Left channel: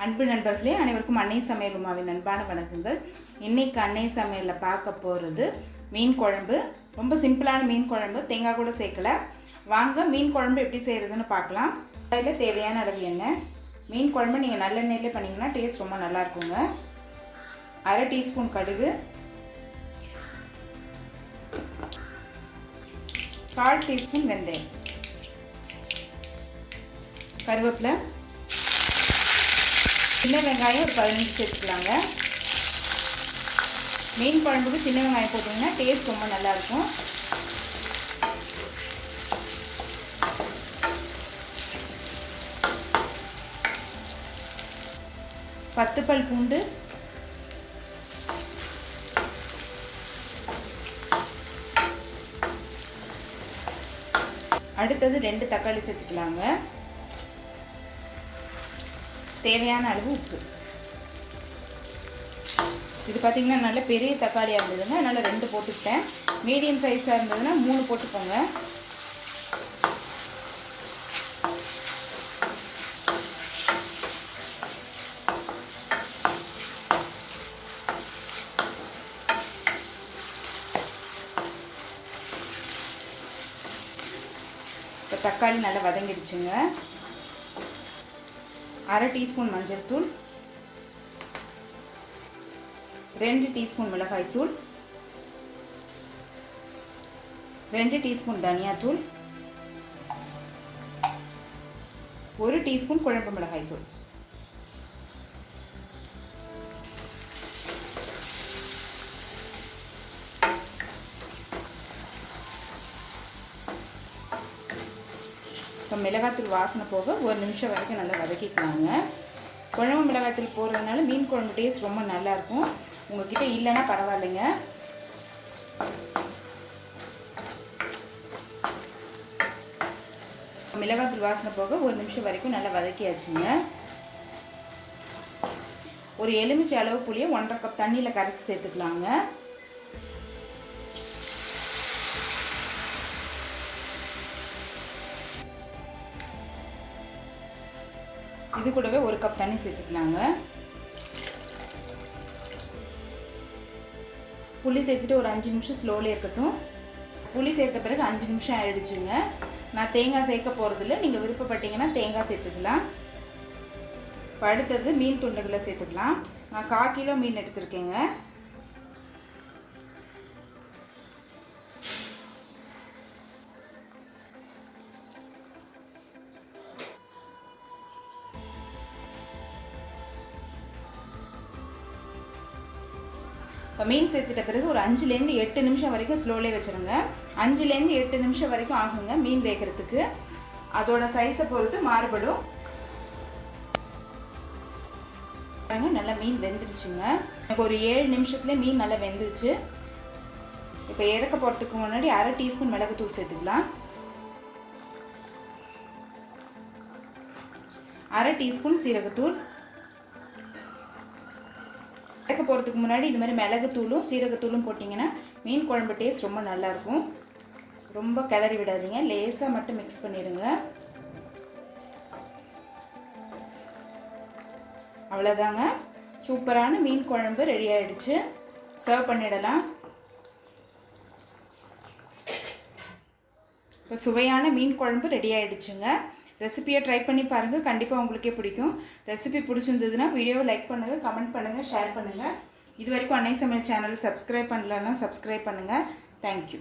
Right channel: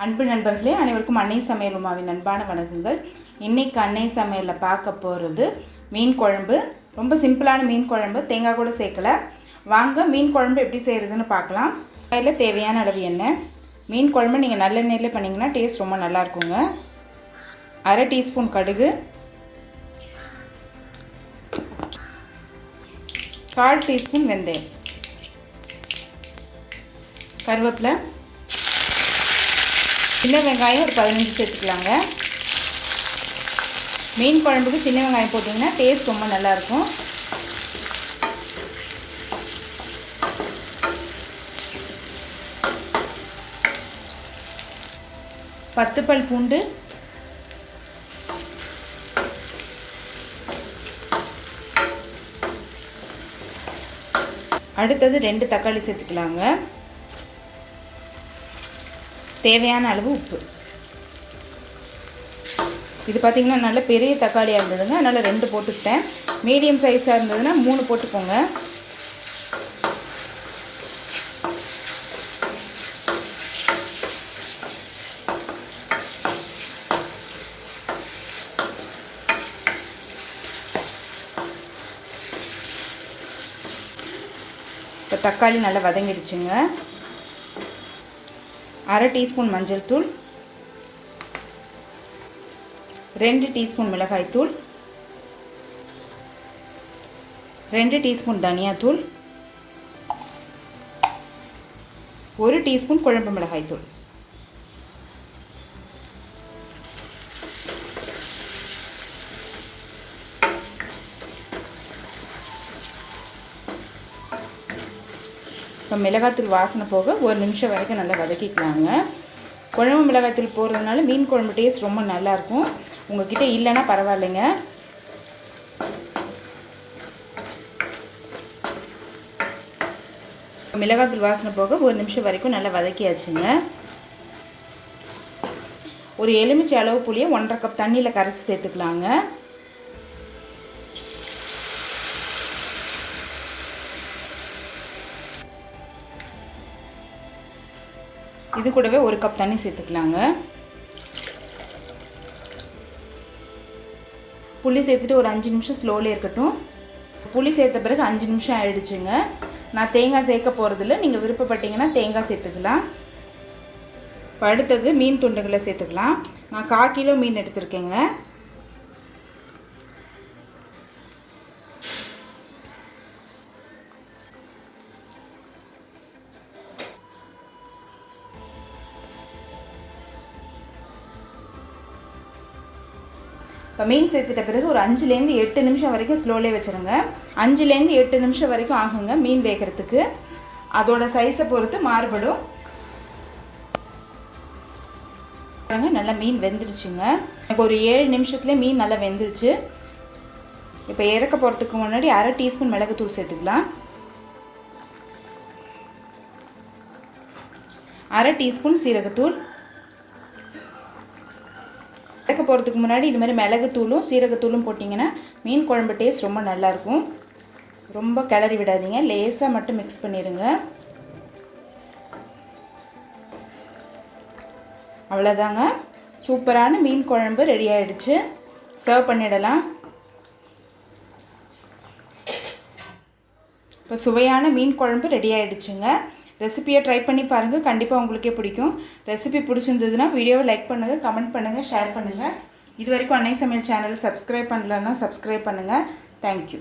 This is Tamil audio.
அன்பு நண்பர்களே, அனைவருக்கும் அன்னை சமையல் உமாவின் அன்பான வணக்கங்கள். இன்றைக்கி அன்னை சமையலில் பார்க்க போகிறது மீன் குழம்பு. ரொம்ப சிம்பிளான மீன் குழம்பு, தேங்காய் கூட சேர்க்கலை. வாங்க மீன் குழம்பு எப்படி செய்கிறதுன்னு பார்க்கலாம். அதில் தேவையான அளவு எண்ணெய். மீன் குழம்பு நீங்கள் நல்லெண்ணெயில் பண்ணிங்கன்னா டேஸ்ட் ரொம்ப நல்லாயிருக்குங்க. அரை டீஸ்பூன் கடுகு, 1/4 டீஸ்பூன் வெந்தயம், கருவேப்பிலை, சின்ன வெங்காயம் ஒரு 15 சேர்த்துக்கலாங்க. மீன் குழம்புக்கு சின்ன வெங்காயம் போட்டிங்கன்னா டேஸ்ட் ரொம்ப நல்லாயிருக்கும். பத்து பல் பூண்டு, அடுத்தது 2 தக்காளி சேர்த்துக்கலாங்க. தேவையான அளவு உப்பு. இது பார்த்திங்கன்னா நல்ல பெரிய தக்காளியாக இருந்ததுங்க, அதனால் 2 போட்டுக்கிட்டேன். மீடியம் சைஸாக இருந்ததுன்னா 3 போட்டுக்கோங்க. இப்போ தக்காளி நல்லா வதங்கிடுச்சுங்க. அரை டீஸ்பூன் மஞ்சள் தூள், 2 டீஸ்பூன் மிளகாய்த்தூள், 2 டீஸ்பூன் தனியாத்தூள், 1 டீஸ்பூன் குழம்பு மிளகாய்த்தூள். இப்போ மிளகாத்தூள் வாசனை போக 1 நிமிஷம் வரைக்கும் நல்லா வதக்கிக்கலாங்க. குழம்பு மிளகாத்தூள் போடுறதுனால மீன் குழம்பு டேஸ்ட் ரொம்ப நல்லாயிருக்கும். உங்கள்கிட்ட இல்லைன்னா பரவாயில்லைங்க. மிளகாத்தூள் வாசனை போக 1 நிமிஷம் வரைக்கும் நல்லா வதக்கியாச்சுங்க. ஒரு எலுமிச்சை அளவு புளியை 1.5 கப் தண்ணியில் கரைச்சி சேர்த்துக்கலாங்க. இது கூடவே 1 கப் தண்ணி சேர்த்துக்கலாங்க. புளி சேர்த்துட்டு ஒரு 5 நிமிஷம் ஸ்லோலே இருக்கட்டும். புளி சேர்த்த பிறகு 5 நிமிஷம் ஆயிடுச்சுங்க. நான் தேங்காய் சேர்க்க போகிறதில்ல, நீங்கள் விருப்பப்பட்டீங்கன்னா தேங்காய் சேர்த்துக்கலாம். இப்போ அடுத்தது மீன் துண்டுகளை சேர்த்துக்கலாம். நான் 1/4 கிலோ மீன் எடுத்திருக்கேங்க. இப்போ மீன் சேர்த்துட்ட பிறகு ஒரு 5லேருந்து 8 நிமிஷம் வரைக்கும் ஸ்லோலே வச்சுருங்க. 5லேருந்து 8 நிமிஷம் வரைக்கும் ஆகுங்க மீன் வேகிறதுக்கு. அதோட சைஸை பொறுத்து மாறுபடும். நல்லா மீன் வெந்துருச்சுங்க. எனக்கு ஒரு 7 நிமிஷத்துலேயே மீன் நல்லா வெந்துருச்சு. இப்போ இறக்க போகிறதுக்கு முன்னாடி அரை டீஸ்பூன் மிளகுத்தூள் சேர்த்துக்கலாம். அரை டீஸ்பூன் சீரகத்தூள். இறக்க போகிறதுக்கு முன்னாடி இது மாதிரி மிளகுத்தூளும் சீரகத்தூளும் போட்டிங்கன்னா மீன் குழம்பு டேஸ்ட் ரொம்ப நல்லாயிருக்கும். ரொம்ப கிளறி விடாதீங்க, லேசாக மட்டும் மிக்ஸ் பண்ணிடுங்க. அவ்வளோதாங்க, சூப்பரான மீன் குழம்பு ரெடி ஆகிடுச்சு. சர்வ் பண்ணிடலாம். இப்போ சுவையான மீன் குழம்பு ரெடி ஆகிடுச்சுங்க. ரெசிபியை ட்ரை பண்ணி பாருங்கள், கண்டிப்பாக உங்களுக்கே பிடிக்கும். ரெசிபி பிடிச்சிருந்ததுன்னா வீடியோவை லைக் பண்ணுங்கள், கமெண்ட் பண்ணுங்கள், ஷேர் பண்ணுங்கள். இது வரைக்கும் அன்னை சமையல் சேனல் சப்ஸ்கிரைப் பண்ணலன்னா சப்ஸ்கிரைப் பண்ணுங்கள். தேங்க்யூ.